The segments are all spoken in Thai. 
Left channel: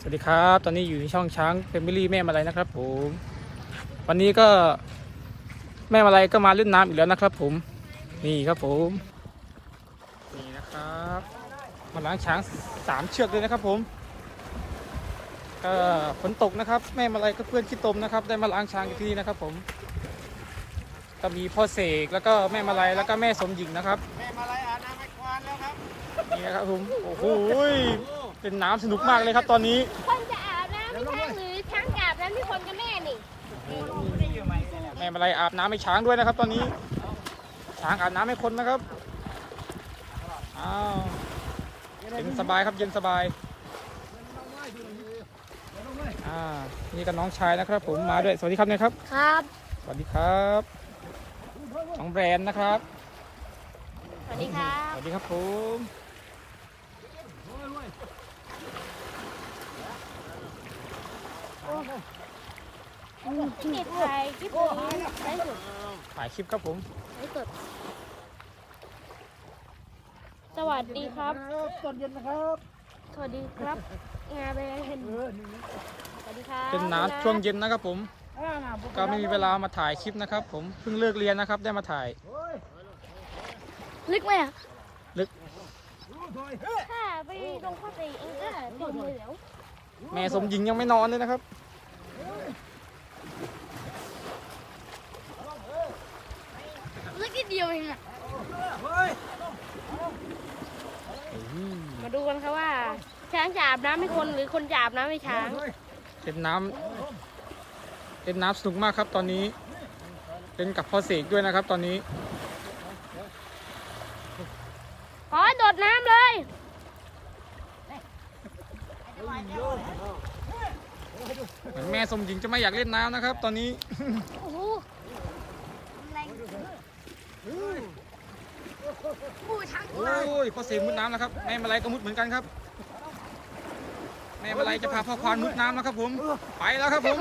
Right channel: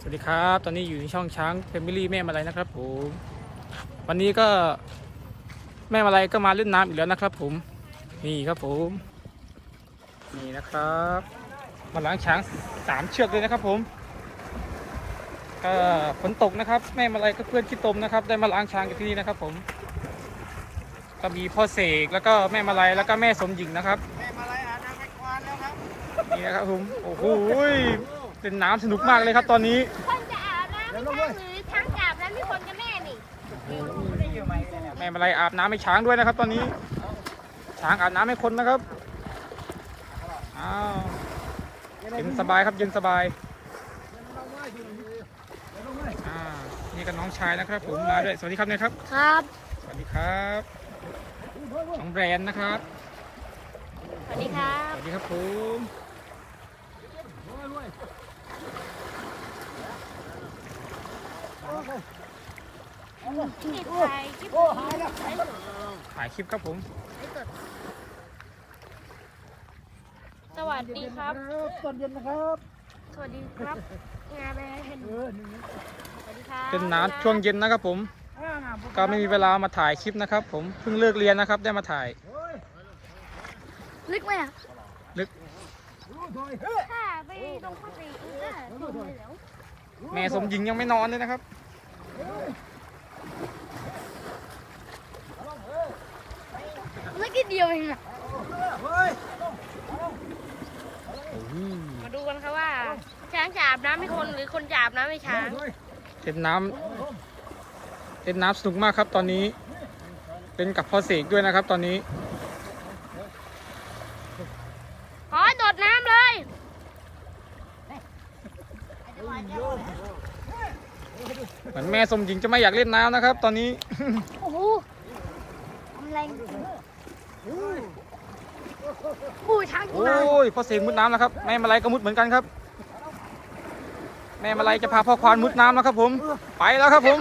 สวัสดีครับ ตอนนี้อยู่ในช่องช้างเฟมิลี่แม่มาลัยนะครับผมวันนี้ก็แม่มาลัยก็มาเล่นน้ำอีกแล้วนะครับ ผมนี่ครับผม นี่นะครับมาล้างช้างสามเชือกเลยนะครับ ผมก็ฝนตกนะครับ แม่มาลัยก็เพื่อนที่ตมนะครับ ได้มาล้างช้างกันที่นี่นะครับ ผม ก็มีพ่อเสกแล้วก็แม่มาลัยแล้วก็แม่สมหญิงนะครับแม่มาลายอาบน้ำให้ควานแล้วครับนี่นะครับผมโอ้โห เป็นน้ำสนุกมากเลยครับตอนนี้คนจะอาบน้ำช้างหรือช้างจะอาบน้ำให้คนกันแน่นี่ได้อยู่ไหมเนี่ยแม่มาลัยอาบน้ำให้ช้างด้วยนะครับ ตอนนี้ ช้างอาบน้ำให้คนนะครับอ้าวเย็นสบายครับเย็นสบายอ่านี่ก็น้องชายนะครับ ผมมาด้วยสวัสดีครับเนี่ยครับ ครับ สวัสดีครับน้องแบรนด์นะครับ สวัสดีครับ สวัสดีครับผม ปิดไฟคลิป โอ้หายแล้ว ถ่ายคลิปครับผม สวัสดีครับ ตอนเย็นนะครับ สวัสดีครับงานไปแล้วเห็นเออหนึ่งเป็นน้ำช่วงเย็นนะครับผม ก็ไม่มีเวลามาถ่ายคลิปนะครับ ผม เพิ่งเลิกเรียนนะครับ ได้มาถ่าย ลึกไหมลึกแม่สมหญิงยังไม่นอนเลยนะครับ ลึกนิดเดียวเองอะเฮ้ยมาดูกันครับว่าช้างจะอาบน้ำให้คนหรือคนจะอาบน้ำให้ช้างถอยเล่นน้ำเล่นน้ำสนุกมากครับตอนนี้เล่นกับพ่อเสกด้วยนะครับตอนนี้ขอโดดน้ำเลยเหมือนแม่สมหญิงจะไม่อยากเล่นน้ำนะครับ ตอนนี้ โอ้โหแรง ปูช้างโอ้ยพ่อเสกมุดน้ำแล้วครับแม่มาลัยก็มุดเหมือนกันครับ แม่มาลัยจะพาพ่อควานมุดน้ำแล้วครับ ผมไปแล้วครับผม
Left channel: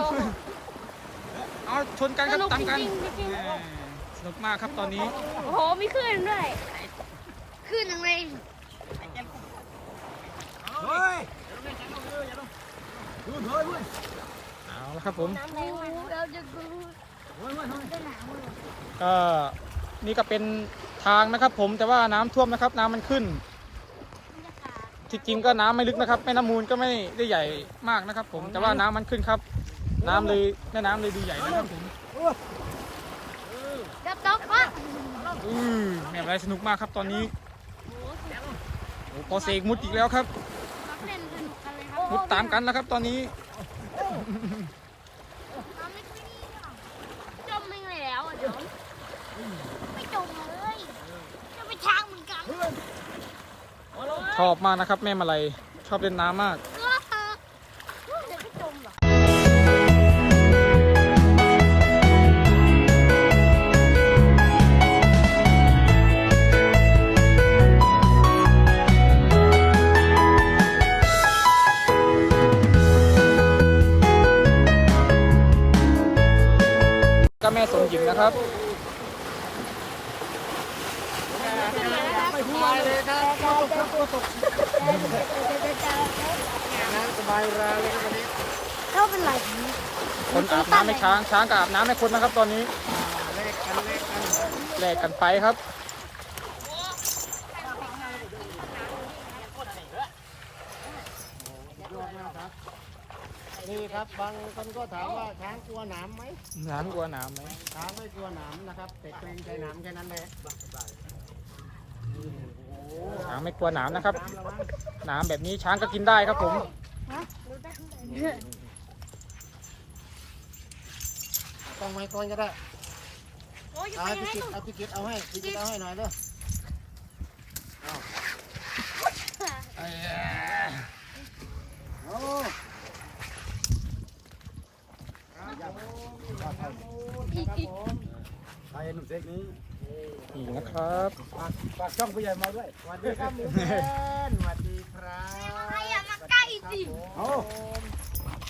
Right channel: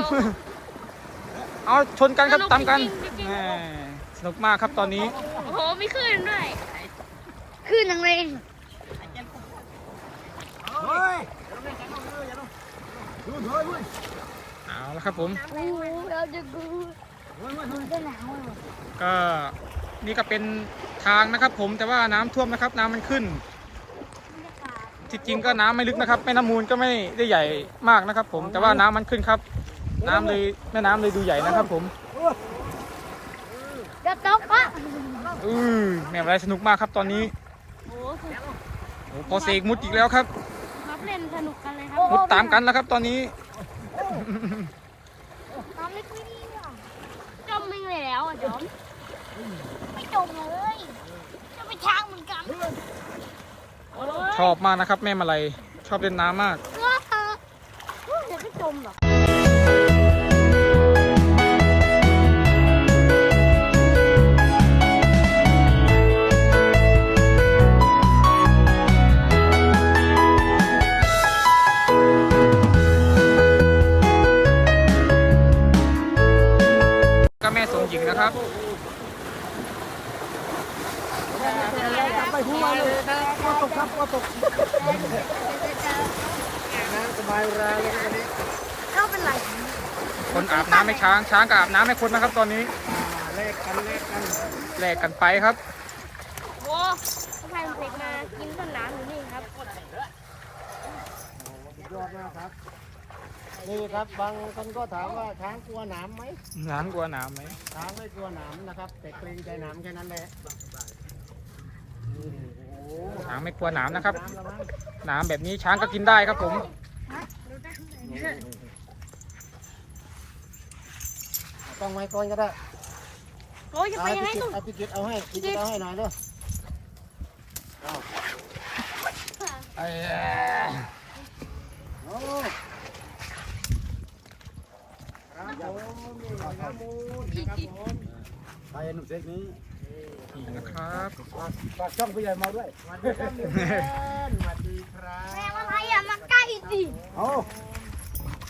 เอาชนกันครับตามกันแหม่สนุกมากครับตอนนี้ โอ้โหมีคลื่นด้วยคลื่นยังไงเฮ้ยดูถอยเว้ยเอาละครับผม เราจะดูเฮ้ยเฮ้ยเฮ้ยก็ นี่ก็เป็นทางนะครับ ผมแต่ว่าน้ำท่วมนะครับ น้ำมันขึ้นบรรยากาศที่จริงก็น้ำไม่ลึกนะครับแม่น้ำมูลก็ไม่ได้ใหญ่มากนะครับ ผมแต่ว่าน้ำมันขึ้นครับ น้ำเลยแม่น้ำเลยดูใหญ่นะครับ ผมเดี๋ยวตกอะอือแม่อะไรสนุกมากครับตอนนี้โอ้โหสุดโอ้พอเสกมุดอีกแล้วครับเล่นสนุกกันเลยครับ มุดตามกันแล้วครับตอนนี้ ตอนนี้จมไม่แล้วอะจมไม่จมเลยจะไปช้างเหมือนกัน ชอบมากนะครับ แม่มาลัยชอบเล่นน้ำมากเออจะไม่จมหรอก็แม่สมหญิงนะครับ ไปหัวเลยครับก็ตกครับก็ตกน้ำสบายราเลยครับวันนี้เข้าเป็นไรคนอาบน้ำให้ช้างช้างก็อาบน้ำให้คนนะครับตอนนี้อ่าเลขกันเลขกันแลกกันไปครับโอ้ใครเป็นมากินมันน้ำอยู่นี่ครับยอดมากครับนี่ครับบางคนก็ถามว่าช้างกลัวหนามไหมน้ำกลัวน้ำไหมช้างไม่กลัวหนามนะครับ แต่เกรงใจหนามแค่นั้นแหละนี่โอ้โหช้างไม่กลัวน้ำนะครับน้ำละมั้งน้ำแบบนี้ช้างก็กินได้ครับผม ต้องไม้ก่อนก็ได้โอ้ยจะเอาไปให้ยังไงพี่กิตเอาพี่กิตเอาให้พี่กิตเอาให้หน่อยเด้อเอาไอ้แย่โอ้ครับผมนี่นะครับผมนะครับผมไปหนุ่มเซ็กนี้ นี่นะครับฝากฝากช่องผู้ใหญ่มาด้วยสวัสดีครับหนุ่มเพื่อนสวัสดีครับใครอย่ามาใกล้สิโอ้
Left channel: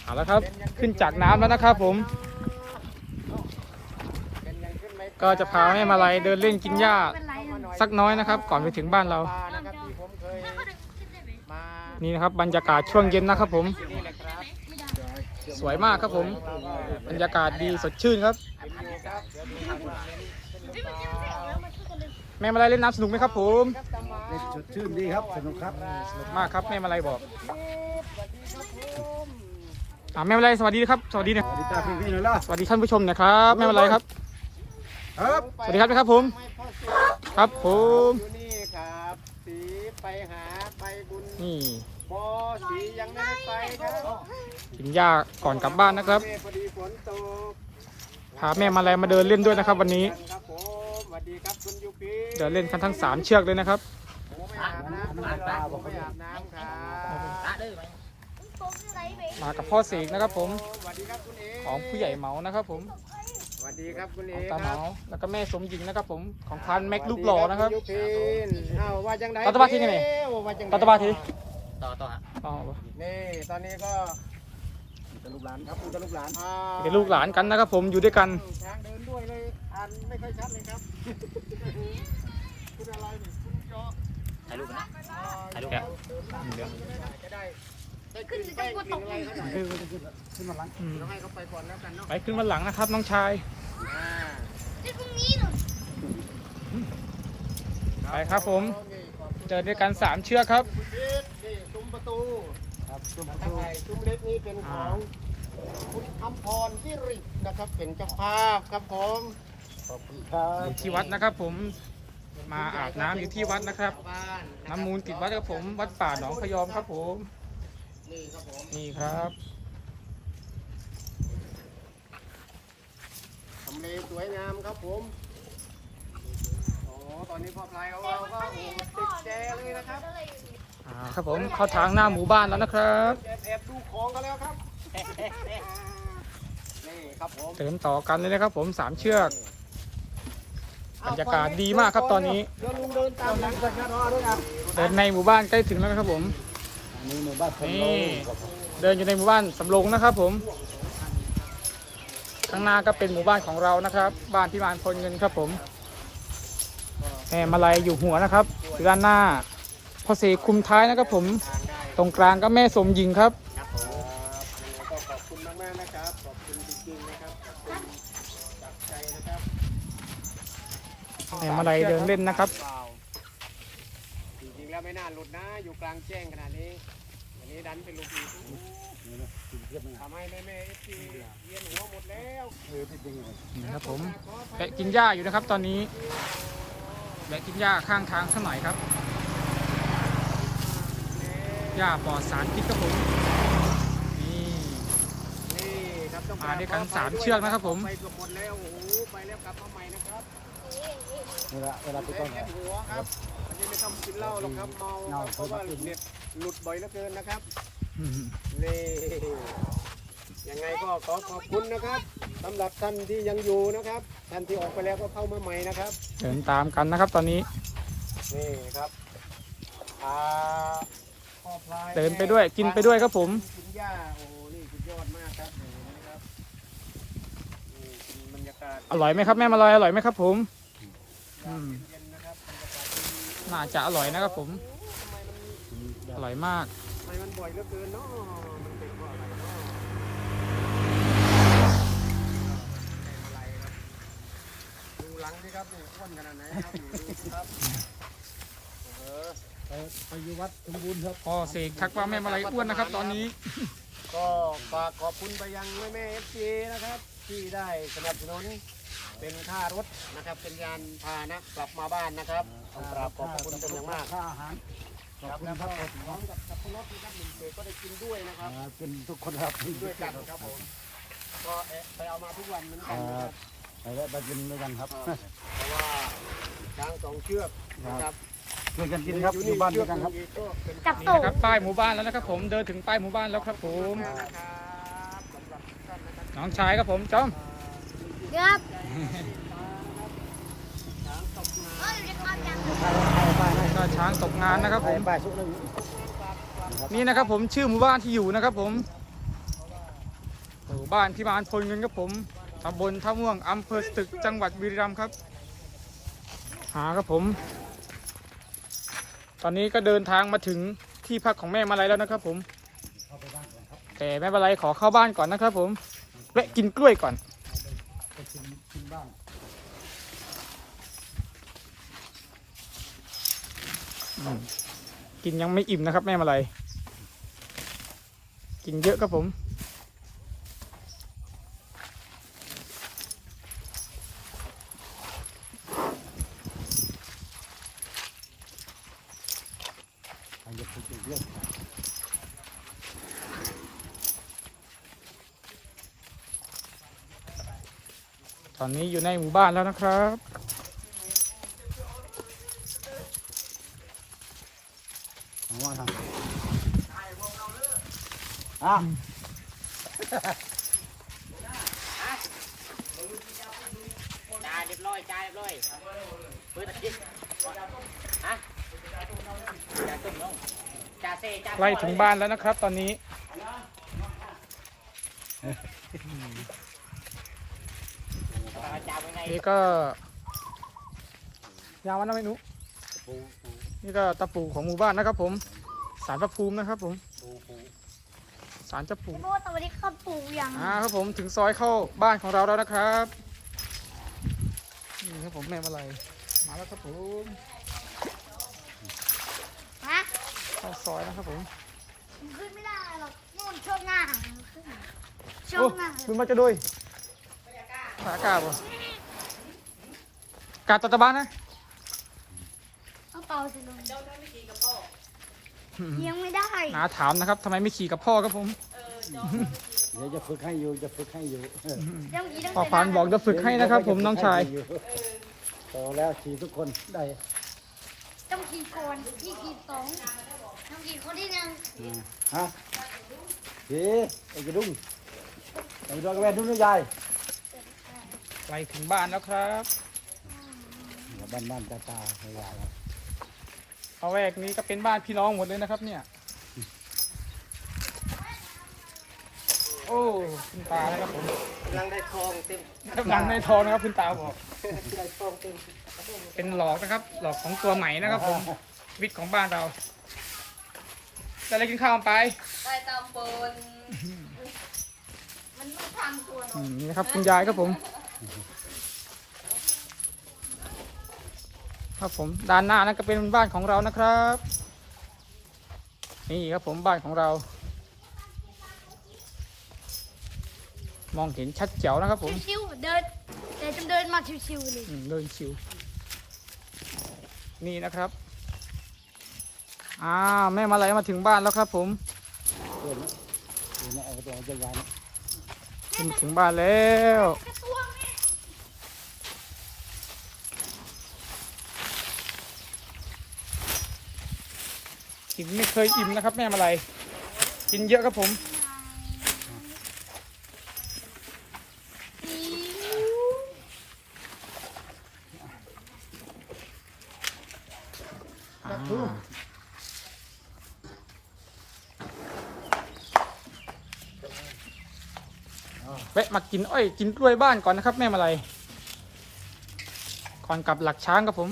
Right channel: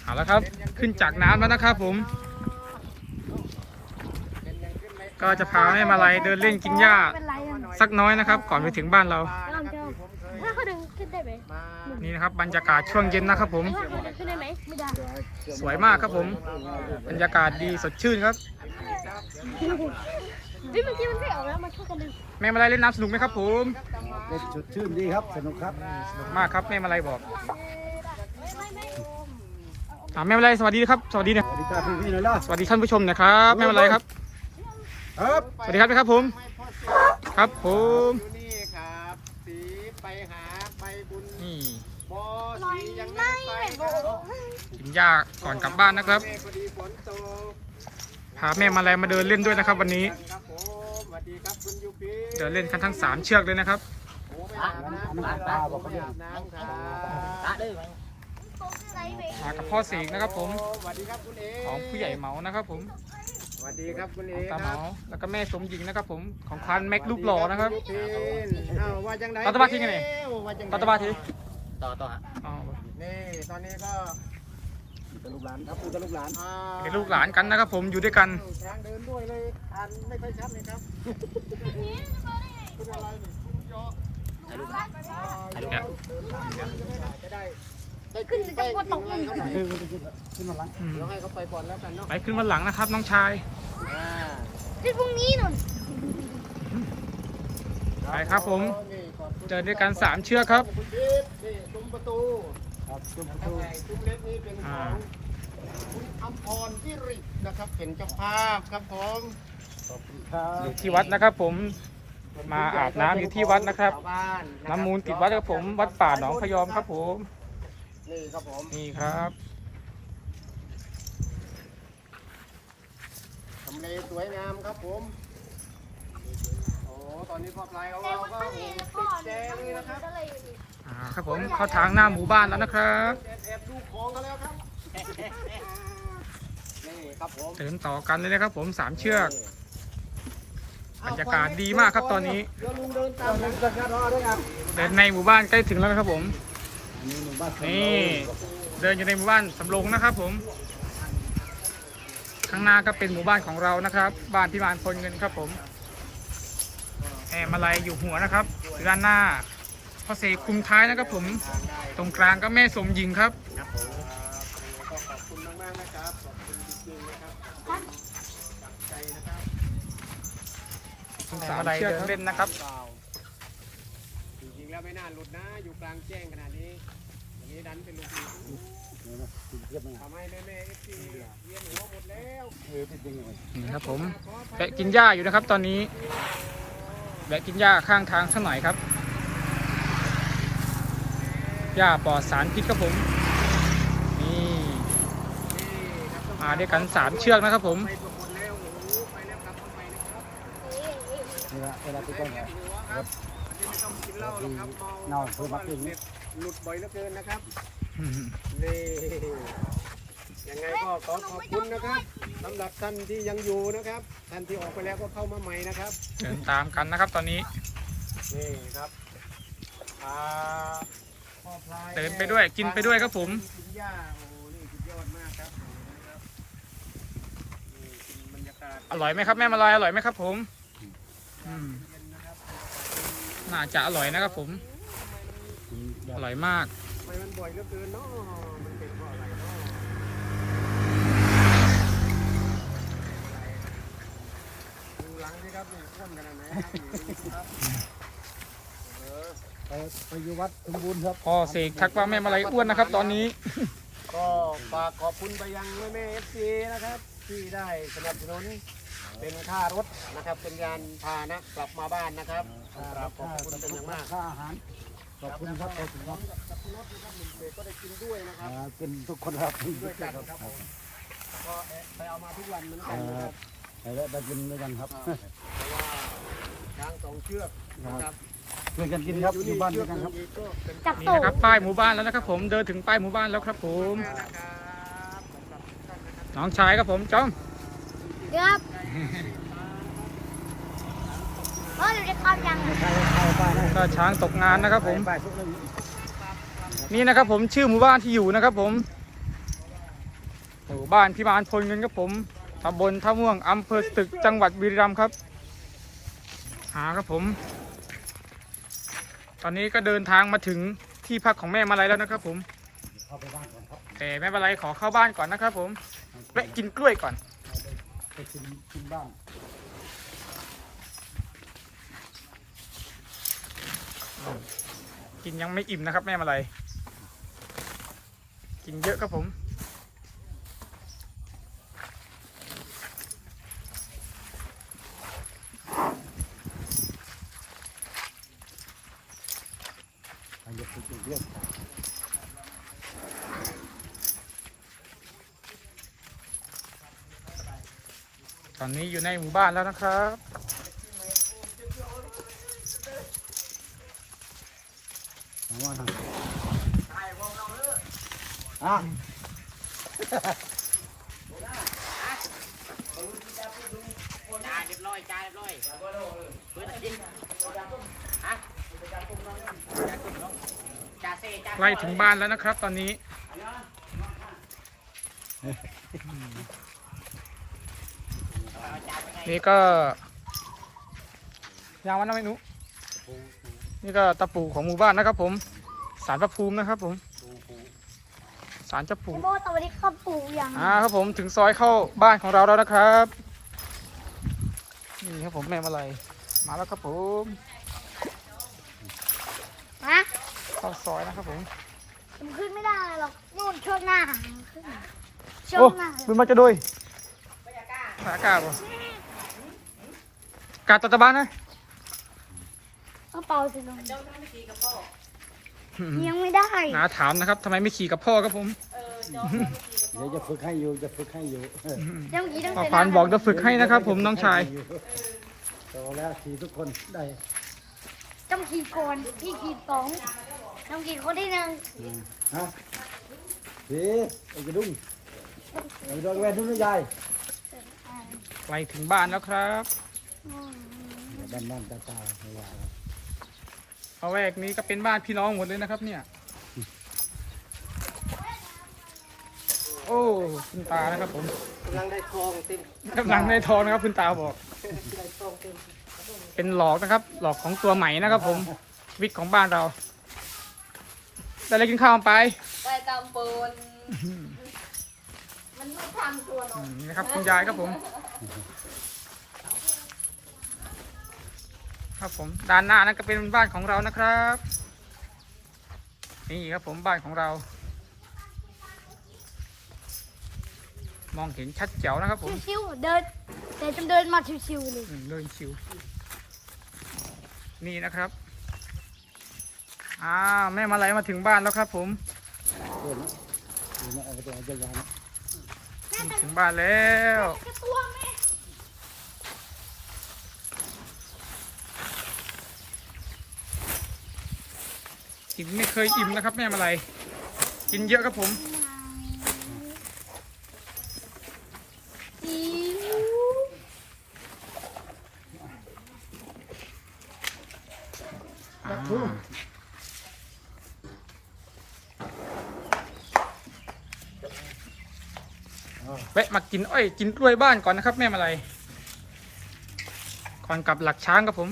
เอาละครับ ขึ้นจากน้ำแล้วนะครับผม ก็จะพาแม่มาลัยเดินเล่นกินหญ้าเป็นไรอะสักน้อยนะครับ ก่อนไปถึงบ้านเราเจ้าเจ้าถ้าเขาดึงขึ้นได้ไหมมานี่นะครับบรรยากาศช่วงเย็นนะครับผมถ้าเขาดึงขึ้นสวยมากครับผม บรรยากาศดีสดชื่นครับ เฮ้ยเมื่อกี้มันเสียออกแล้วมันช่วยกันดึง แม่มาลัยเล่นน้ำสนุกไหมครับผมเล่นชุดชื่นดีครับ สนุกครับ สนุกมากครับแม่มาลัยบอกอ่าแม่มาลัยสวัสดีครับ สวัสดีนะสวัสดีจ้าพี่พี่ๆหน่อยล่ะสวัสดีท่านผู้ชมนะครับแม่มาลัยครับ ครับสวัสดีครับนะครับผม ครับผมนี่ครับสีไปหาไปบุญนี่พอสียังไม่ไปครับกินหญ้าก่อนกลับบ้านนะครับพอดีฝนตกพาแม่มาลัยมาเดินเล่นด้วยนะครับ วันนี้ เดินเล่นกันทั้งสามเชือกเลยนะครับโอ้ไม่อาบน้ำไม่หรอกผมไม่อาบน้ำครับมากับพ่อเสกนะครับผมสวัสดีครับคุณเอของผู้ใหญ่เหมานะครับผมสวัสดีครับคุณเอตาเหมาแล้วก็แม่สมหญิงนะครับผมของพันแม็กรูปหล่อนะครับยูปีเอาว่าจังไหนรัฐบาลที่ไงว่าจังไหนรัฐบาลทีต่อต่อฮะอ๋อนี่ตอนนี้ก็เป็นลูกหลานครับเป็นลูกหลานเป็นลูกหลานกันนะครับผมอยู่ด้วยกันทางเดินด้วยเลยอ่านไม่ค่อยชัดเลยครับ คุณอะไรนี่คุณยอถ่ายรูปนะถ่ายรูปจะได้ได้ขึ้นไปกินอะไรเขาหน่อยคือมันจะขึ้นขึ้นมาหลังอืมเดี๋ยวให้เขาไปก่อนแล้วกันเนาะไปขึ้นวันหลังนะครับน้องชายอ่าที่พรุ่งนี้หนุนไปครับผมนี่ขอบคุณเดินด้วยกันสามเชือกครับคุณพีทนี่ซุ้มประตูครับซุ้มประตูซุ้มเล็กนี่เป็นขอ่าองคุณคำพรที่รินะครับเป็นเจ้าภาพครับผมขอบคุณครับอยู่ที่วัดนะครับผม มาอาบน้ำอยู่ที่วัดนะครับชาวบ้านะครับ น้ำมูลติดวัดครับผม วัดป่าหนองพยอมครับผม นี่ครับผมนี่ครับทำเลสวยงามครับผมโอ้ตอนนี้พ่อพลายของเราก็โอ้ติดแจเลยนะครับอ่าครับผมเข้าทางหน้าหมู่บ้านแล้วนะครับแอบแอบดูของกันแล้วครับนี่ครับผมเดินต่อกันเลยนะครับผมสามเชือก บรรยากาศดีมากครับตอนนี้แล้วลุงเดินตามหลังจักรยานรอด้วยครับเดินในหมู่บ้านใกล้ถึงแล้วนะครับผม นี่เดินอยู่ในหมู่บ้านสำโรงนะครับผม ข้างหน้าก็เป็นหมู่บ้านของเรานะครับ บ้านพิมานพลเงินครับผมแหมมาลัยอยู่หัวนะครับอยู่ด้านหน้าพ่อเสกคุมท้ายนะครับผมทางได้ตรงกลางก็แม่สมหญิงครับ ครับผมขอบคุณมากๆนะครับ ขอบคุณจริงๆนะครับใจนะครับ สามเชือกเล่นนะครับ เปล่าจริงๆแล้วไม่น่าหลุดนะ อยู่กลางแจ้งขนาดนี้วันนี้ดันเป็นลูกอีกทำให้แม่แม่เอฟซีเวียนหัวหมดแล้วเออเป็นยังไงนี่ครับผมแวะกินหญ้าอยู่นะครับ ตอนนี้แวะกินหญ้าข้างทางสักหน่อยครับหญ้าปลอดสารพิษครับผมนี่ นี่ครับต้องมาด้วยกันสามเชือกนะครับผม ไปทุกคนแล้วโอ้โหไปแล้วกลับมาใหม่นะครับ เวลาเวลาไปต้นแค่หัวครับอันนี้ไม่ต้องกินเหล้าหรอกครับเน่าเพิ่มมากินหลุดบ่อยเหลือเกินนะครับนี่ยังไงก็ขอขอบคุณนะครับสำหรับท่านที่ยังอยู่นะครับท่านที่ออกไปแล้วก็เข้ามาใหม่นะครับเดินตามกันนะครับตอนนี้นี่ครับอ่าพ่อพลายเดินไปด้วยกินไปด้วยครับผมกินหญ้าโอ้โหนี่สุดยอดมากครับนะครับนี่กินบรรยากาศอร่อยไหมครับแม่มาลอยอร่อยไหมครับผมอืม น่าจะอร่อยนะครับผม อร่อยมากมันบ่อยเหลือเกินเนาะมันเป็นเพราะอะไรเนาะดูหลังสิครับนี่อ้นขนาดไหนครับครับเออไปไปอยู่วัดสมบูรณ์ครับพ่อเสกทักว่าแม่มาลายอ้วนนะครับ ตอนนี้ ก็ฝากขอบคุณไปยังแม่แม่เอฟซีนะครับ ที่ได้สนับสนุน เป็นค่ารถนะครับ เป็นยานพาหนะกลับมาบ้านนะครับครับขอบคุณเป็นอย่างมากค่าอาหารขอบคุณครับขอบคุณพคร้อรับมกับสับปะรดนะครับหนึ่งเศษก็ได้กินด้วยนะครับอ่าเป็นทุกคนครับด้วยกันครับผมก็ไปเอามาทุกวันเหมือนกันนะครับแล้วไปกินด้วยกันครับเพราะว่าช้างสองเชือกนะครับช่วยกันกินครับอยู่บ้านด้วยกันครับจับนี่ตูนะครับป้ายหมู่บ้านแล้วนะครับ ผมเดินถึงป้ายหมู่บ้านแล้วครับผมน้องชายครับผมจอมครับ เออเดี๋ยวจะทำยังใครใครป้ายไหนก็ช้างตกงานนะครับผมป้ายชื่ออะไรนี่นะครับผมชื่อหมู่บ้านที่อยู่นะครับผมหมู่บ้านพิมานพลเงินครับผมตำบลท่าม่วงอำเภอสตึกจังหวัดบุรีรัมย์ครับ หาครับผม ตอนนี้ก็เดินทางมาถึงที่พักของแม่มาลัยแล้วนะครับผมเข้าไปบ้านก่อนครับแต่ไม่เป็นไรขอเข้าบ้านก่อนนะครับผมและกินกล้วยก่อน ไปกินกินบ้างกินยังไม่อิ่มนะครับแม่มาลัยกินเยอะครับผม ทางจะไปกินเรื่อง ต อนนี้อยู่ในหมู่บ้านแล้วนะครับผมว่าทางอะไล่ถึงบ้านแล้วนะครับ ตอนนี้ นี่ก็ยางวันนะไม่นุนี่ก็ตะปูของหมู่บ้านนะครับผมสารพระภูมินะครับผมสารเจ้าปู่โบตอนนี้เขาปลูกอย่างอ่าครับผมถึงซอยเข้าบ้านของเราแล้วนะครับนี่ครับผมแม่มาลัยมาแล้วครับผมนะเข้าซอยนะครับผมมันขึ้นไม่ได้หรอกนู่นช่วงหน้ามันขึ้นช่วโอ้งหน้าบุญมาจะด้วยขากาบอะ กาดตัดตะบานนะต้องเป่าสิมันยังไม่ได้นาถามนะครับทำไมไม่ขี่กับพ่อครับผมเดี๋ยวจะฝึกให้อยู่จะฝึกให้อยู่เออยังมีตั้งพ่อแต่ฟานบอกจะฝึกให้นะครับ ผมน้องชายโตแล้วขี่ทุกคนได้ต้องขี่ก่อนที่ขี่สองต้องขี่คนที่หนึ่งฮะเฮ้ไอ้กระดุมไอ้ดอกแวนนุ่นยายไปถึงบ้านแล้วครับ บ้านบ้านตาตาไม่ยายเอาแวกนี้ก็เป็นบ้านพี่น้องหมดเลยนะครับ เนี่ย โอ้คุณตานะครับผมกำลังได้ทองเต็มกำลังในทองนะครับคุณตาบอก เป็นหลอกนะครับ หลอกของตัวใหม่นะครับ ผมชีวิตของบ้านเราได้อะไรกินข้าวไปได้กำปนมันไม่ทำตัวหนอือยมนี่นะครับคุณยายครับผม ครับผมด้านหน้านั่นก็เป็นบ้านของเรานะครับ นี่ครับผมบ้านของเรา มองเห็นชัดเจ๋วนะครับผมชิวๆเดินแต่จะเดินมาชิวๆเลยอืมเดินชิวนี่นะครับอ่าแม่มาลัยมาถึงบ้านแล้วครับผมเดินนะเดินนะเอาตัวจะยายนะถึงบ้านแล้วกิ นไม่เคยอิ่มนะครับแม่มาลัยกินเยอะครับผมแวะมากินอ้อยกินกล้วยบ้านก่อนนะครับแม่มาลัยก่อนกลับหลักช้างครับผม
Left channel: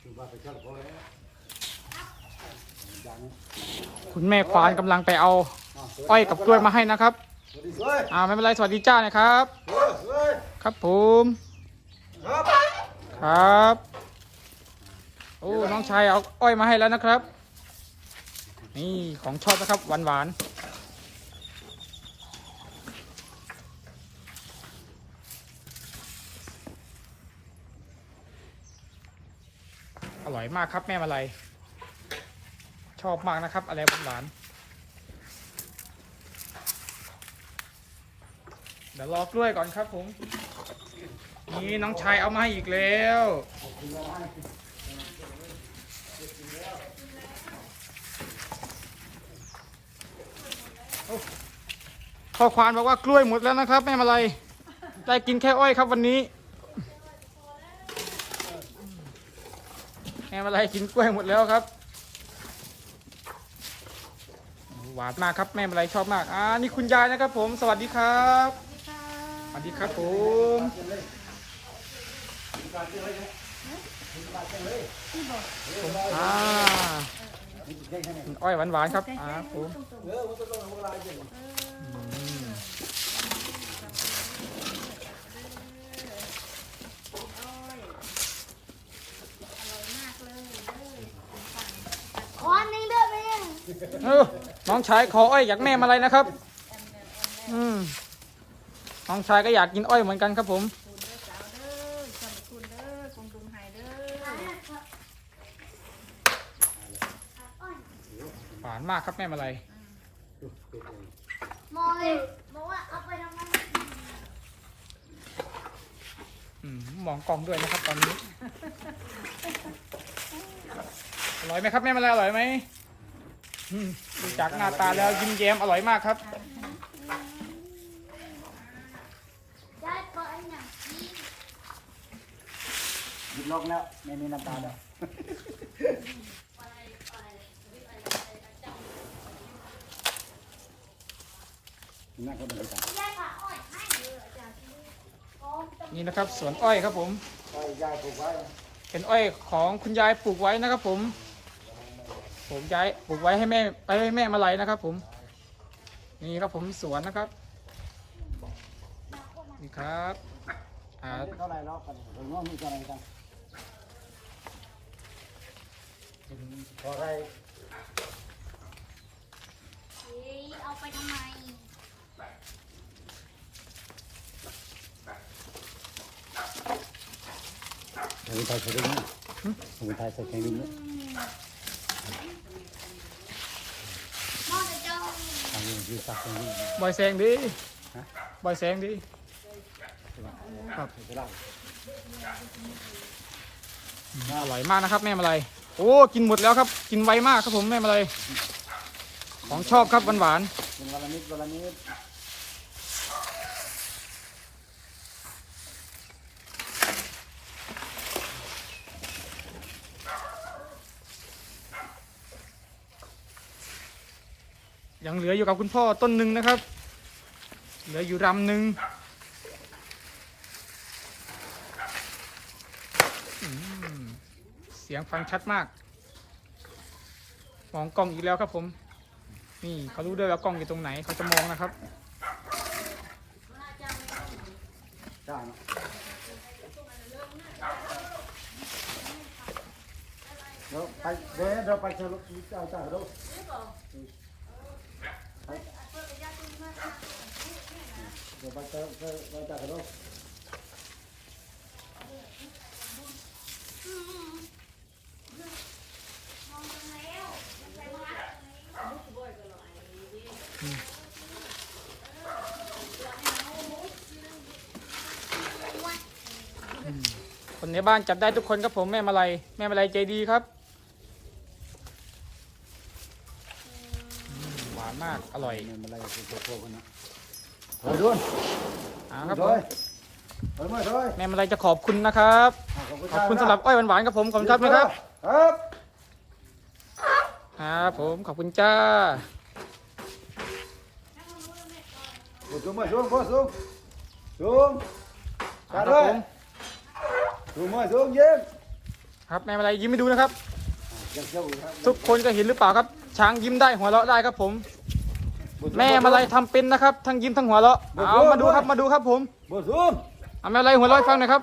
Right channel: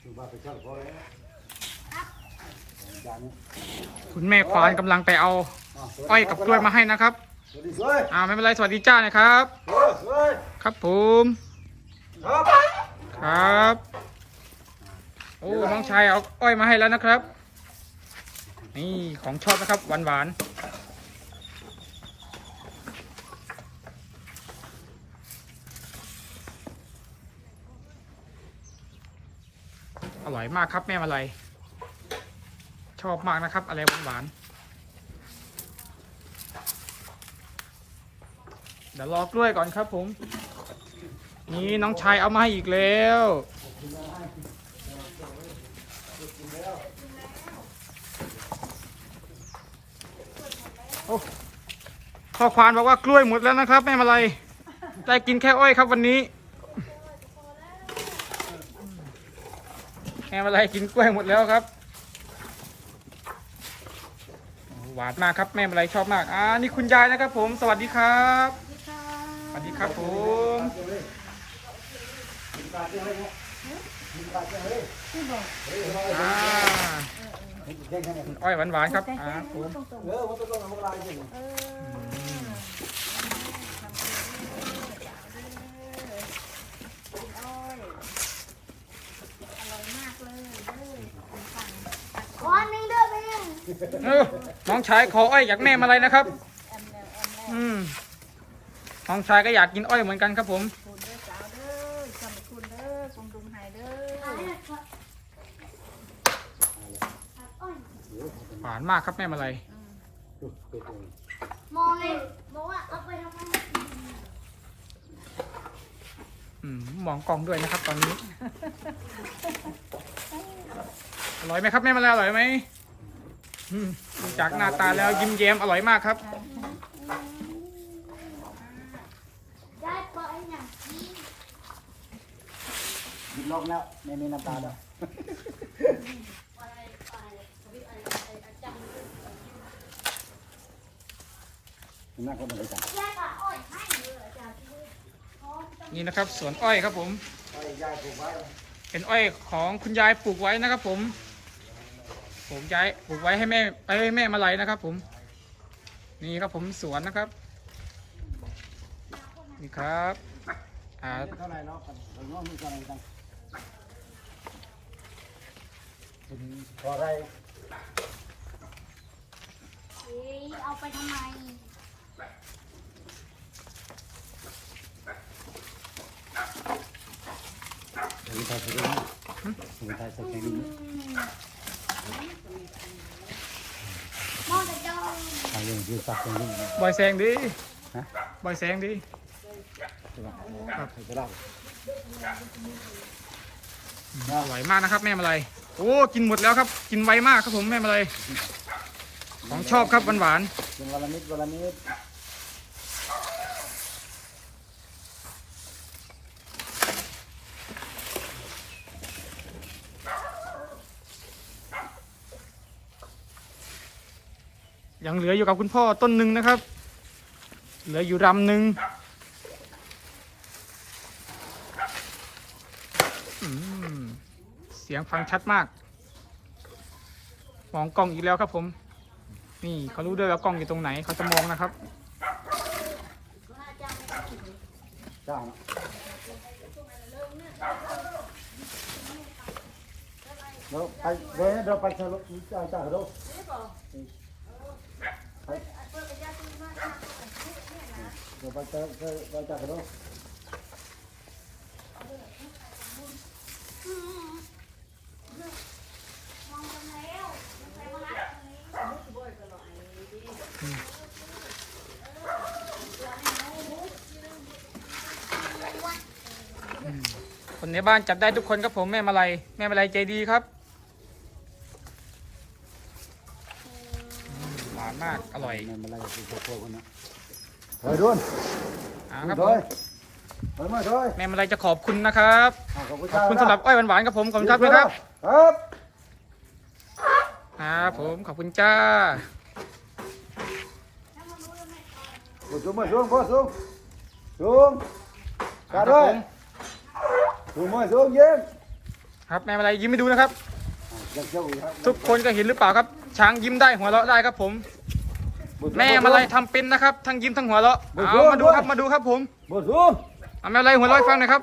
อยู่บ้านไปเช่าพอแล้วยายนะ คุณแม่ควานกำลังไปเอาาวสวัสดีอ้อยกับกล้วยมาให้นะครับ สวัสดีสวยอ่าไม่เป็นไรสวัสดีจ้านะครับ สวยสวยครับผมครับครับ โอ้น้องชายเอาอ้อยมาให้แล้วนะครับ นี่ของชอบนะครับหวานหวานๆอร่อยมากครับแม่มาลัย ชอบมากนะครับ อะไรหวานๆเดี๋ยวรอกล้วยก่อนครับผม นี่น้องชายเอามาให้อีกแล้วโอ้พ่อควานบอกว่ากล้วยหมดแล้วนะครับแม่มาลัยได้กินแค่อ้อยครับวันนี้แม่มาลัยกินกล้วยหมดแล้วครับ หวานมากครับแม่มาลัยชอบมากอ่านี่คุณยายนะครับ ผมสวัสดีครับสวัสดีครับผมอ่าอ้อยหวานๆครับอ่าผม เออมันต้องต้องทำลายจริง ขอหนึ่งเด้อไปหนึ่ง เออน้องชายขออ้อยอยากแม่มาอะไรนะครับ อืมน้องชายก็อยากกินอ้อยเหมือนกันครับ ผมคุณเด้อสาวเด้อจำคุณเด้อคงดุงไห้เด้อหวานมากครับแม่มาอะไรมองเลยบอกว่าเอาไปทำไมอืมมองกล้องด้วยนะครับ ตอนนี้อร่อยไหมครับแม่มาอะไรอร่อยไหม จากหน้าตาแล้วยิ้มแย้มอร่อยมากครับได้ก็ไอ้เนี่ยหยุดลอกแล้วไม่มีน้ำตาแล้วน่าก็ต้องไปจับได้ก็อ้อยให้เลยอาจารย์นี่นะครับสวนอ้อยครับผม เป็นอ้อยของคุณยายปลูกไว้นะครับผม ปลูกย้ายปลูกไว้ให้แม่ไปให้แม่มาลัยนะครับ ผม นี่ครับผมสวนนะครับ นี่ครับอ่าเท่าไหร่เนาะเดี๋ยวน้องมีเท่าไหร่กันเป็นพอได้เฮ้ยเอาไปทำไมถึงไทยสักนิดถึงไทยสักนิดมองไปเจ้าทางยังยืดสักนิด บอยแซงดีบอยแซงดีครับก็ได้อร่อยมากนะครับ แม่มาลัยโอ้กินหมดแล้วครับ กินไวมากครับผมแม่มาลัยของชอบครับหวานๆเป็นวันละนิดวันละนิด ยังเหลืออยู่กับคุณพ่อต้นหนึ่งนะครับ เหลืออยู่รำหนึ่งเสียงฟังชัดมาก มองกล้องอีกแล้วครับผม นี่เขารู้ด้วยว่ากล้องอยู่ตรงไหนเขาจะมองนะครับจ้างเราไปเว้ยเราไปเช่ารถจ้าจ้าเขาดูไป เราไปเช่ไปจ้าเขาดูคนในบ้านจับได้ทุกคนครับผมแม่มาลัยแม่มาลัยใจดีครับอืมหวานมากอร่อยไม่เป็นไรคือโคกันนะ เฮ้ยดุนอ่าคครัรับบผผมมเฮ้ยมาเฮ้ยแม่มาลัยจะขอบคุณนะครับขอบคุณขอบคุณสำหรับอ้อยหวานๆครับผมขอบคุณครับนะครับ ครับครับผมขอบคุณจ้าสูงมาสูงพ่อสูงสูงครักาบด้วยผมสูงมาสูงยิ้มครับแม่มาลัยยิ้มให้ดูนะครับยังเจ้าอยู่ครับ ทุกคนก็เห็นหรือเปล่าครับ ช้างยิ้มได้หัวเราะได้ครับผม แม่มาลัยทำเป็นนะครับ ทั้งยิ้มทั้งหัวเราะเอามาดูครับมาดูครับผมบ่สูงเอาแม่มาลัยหัวเราะให้ฟังหน่อยครับ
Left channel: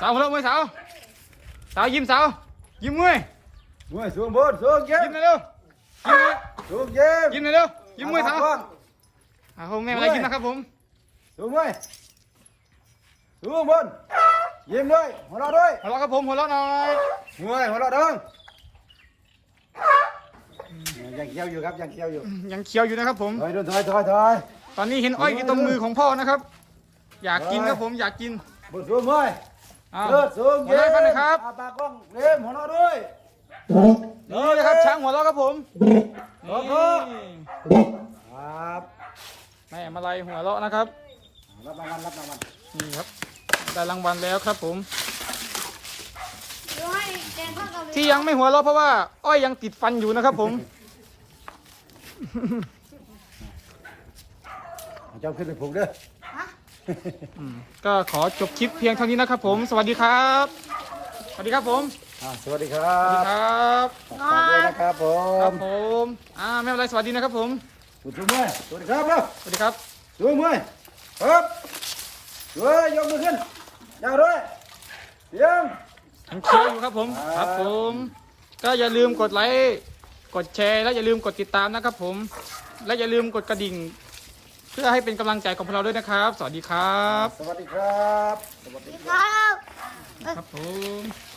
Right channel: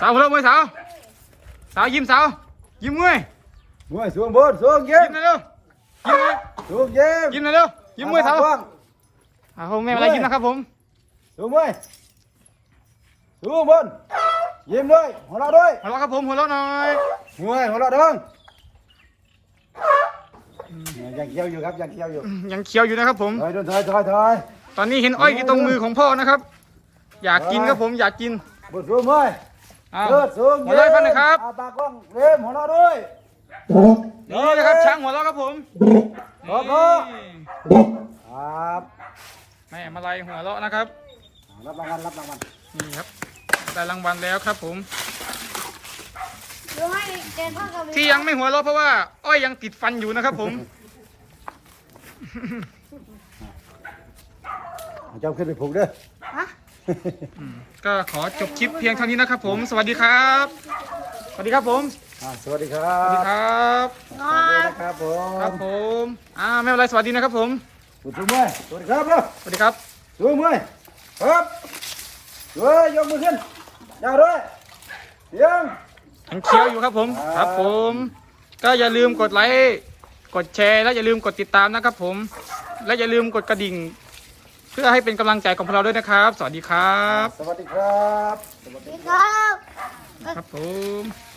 สาวหัวเราะมวยสาว สาวยิ้มสาว ยิ้มมวยมวยสูงบนสูงยิ้ยิ้มมหน่อยเร็วยิ้มหน่อยสูงยิ้มยิ้มหน่อยเร็วยิ้มมวยสาวเอาผมแม่มาลัยยิ้มนะครับผมสูงมวยสูงบนยิ้มด้วยหัวเราะด้วยหัวเราะครับผมหัวเราะหน่อยมวยหัวเราะเด้ง ยังเคี้ยวอยู่ครับยังเคี้ยวอยู่ยังเคี้ยวอยู่นะครับผมถอยถอยถอยถอยตอนนี้เห็นอ้อยอยู่ตรงมือของพ่อนะครับ อยากกินครับผมอยากกินบนสูงมวยอ้าวเลิศสูงหัวเราะให้ฟังหน่อยครับอาปากกล้องเล่มหัวเราะด้วยนี่นะครับช้างหัวเราะครับผมขอบคุณครับแม่มาลัยหัวเราะนะครับรับรางวัลรับรางวัลนี่ครับได้รางวัลแล้วครับผมรู้ให้เดินพ่อกับที่ยังไม่หัวเราะเพราะว่า อ้อยยังติดฟันอยู่นะครับผม เอาเจ้าขึ้นไปผูกเด้ออืมก็ขอจบคลิปเพียงเท่านี้นะครับ ผม สวัสดีครับ สวัสดีครับผม อ่าสวัสดีครัสวัสดีบครับสวัสดีนะครับผครับมผมอ่าแม่อะไรสวัสดีนะครับผมสุดสวยสวัสดีครับเนาะสวัสดีครับสวยมวยครับสวยยกมือขึ้นยาวด้วยเสียงยังเคี้ยวอยู่ครับผม ครับครับผม ก็อย่าลืมกดไลค์ กดแชร์และอย่าลืมกดติดตามนะครับผม และอย่าลืมกดกระดิ่ง เพื่อให้เป็นกำลังใจของพวกเราด้วยนะครับ สวัสดีครับ สวัสดีครับ สวัสดีครับ ครับผม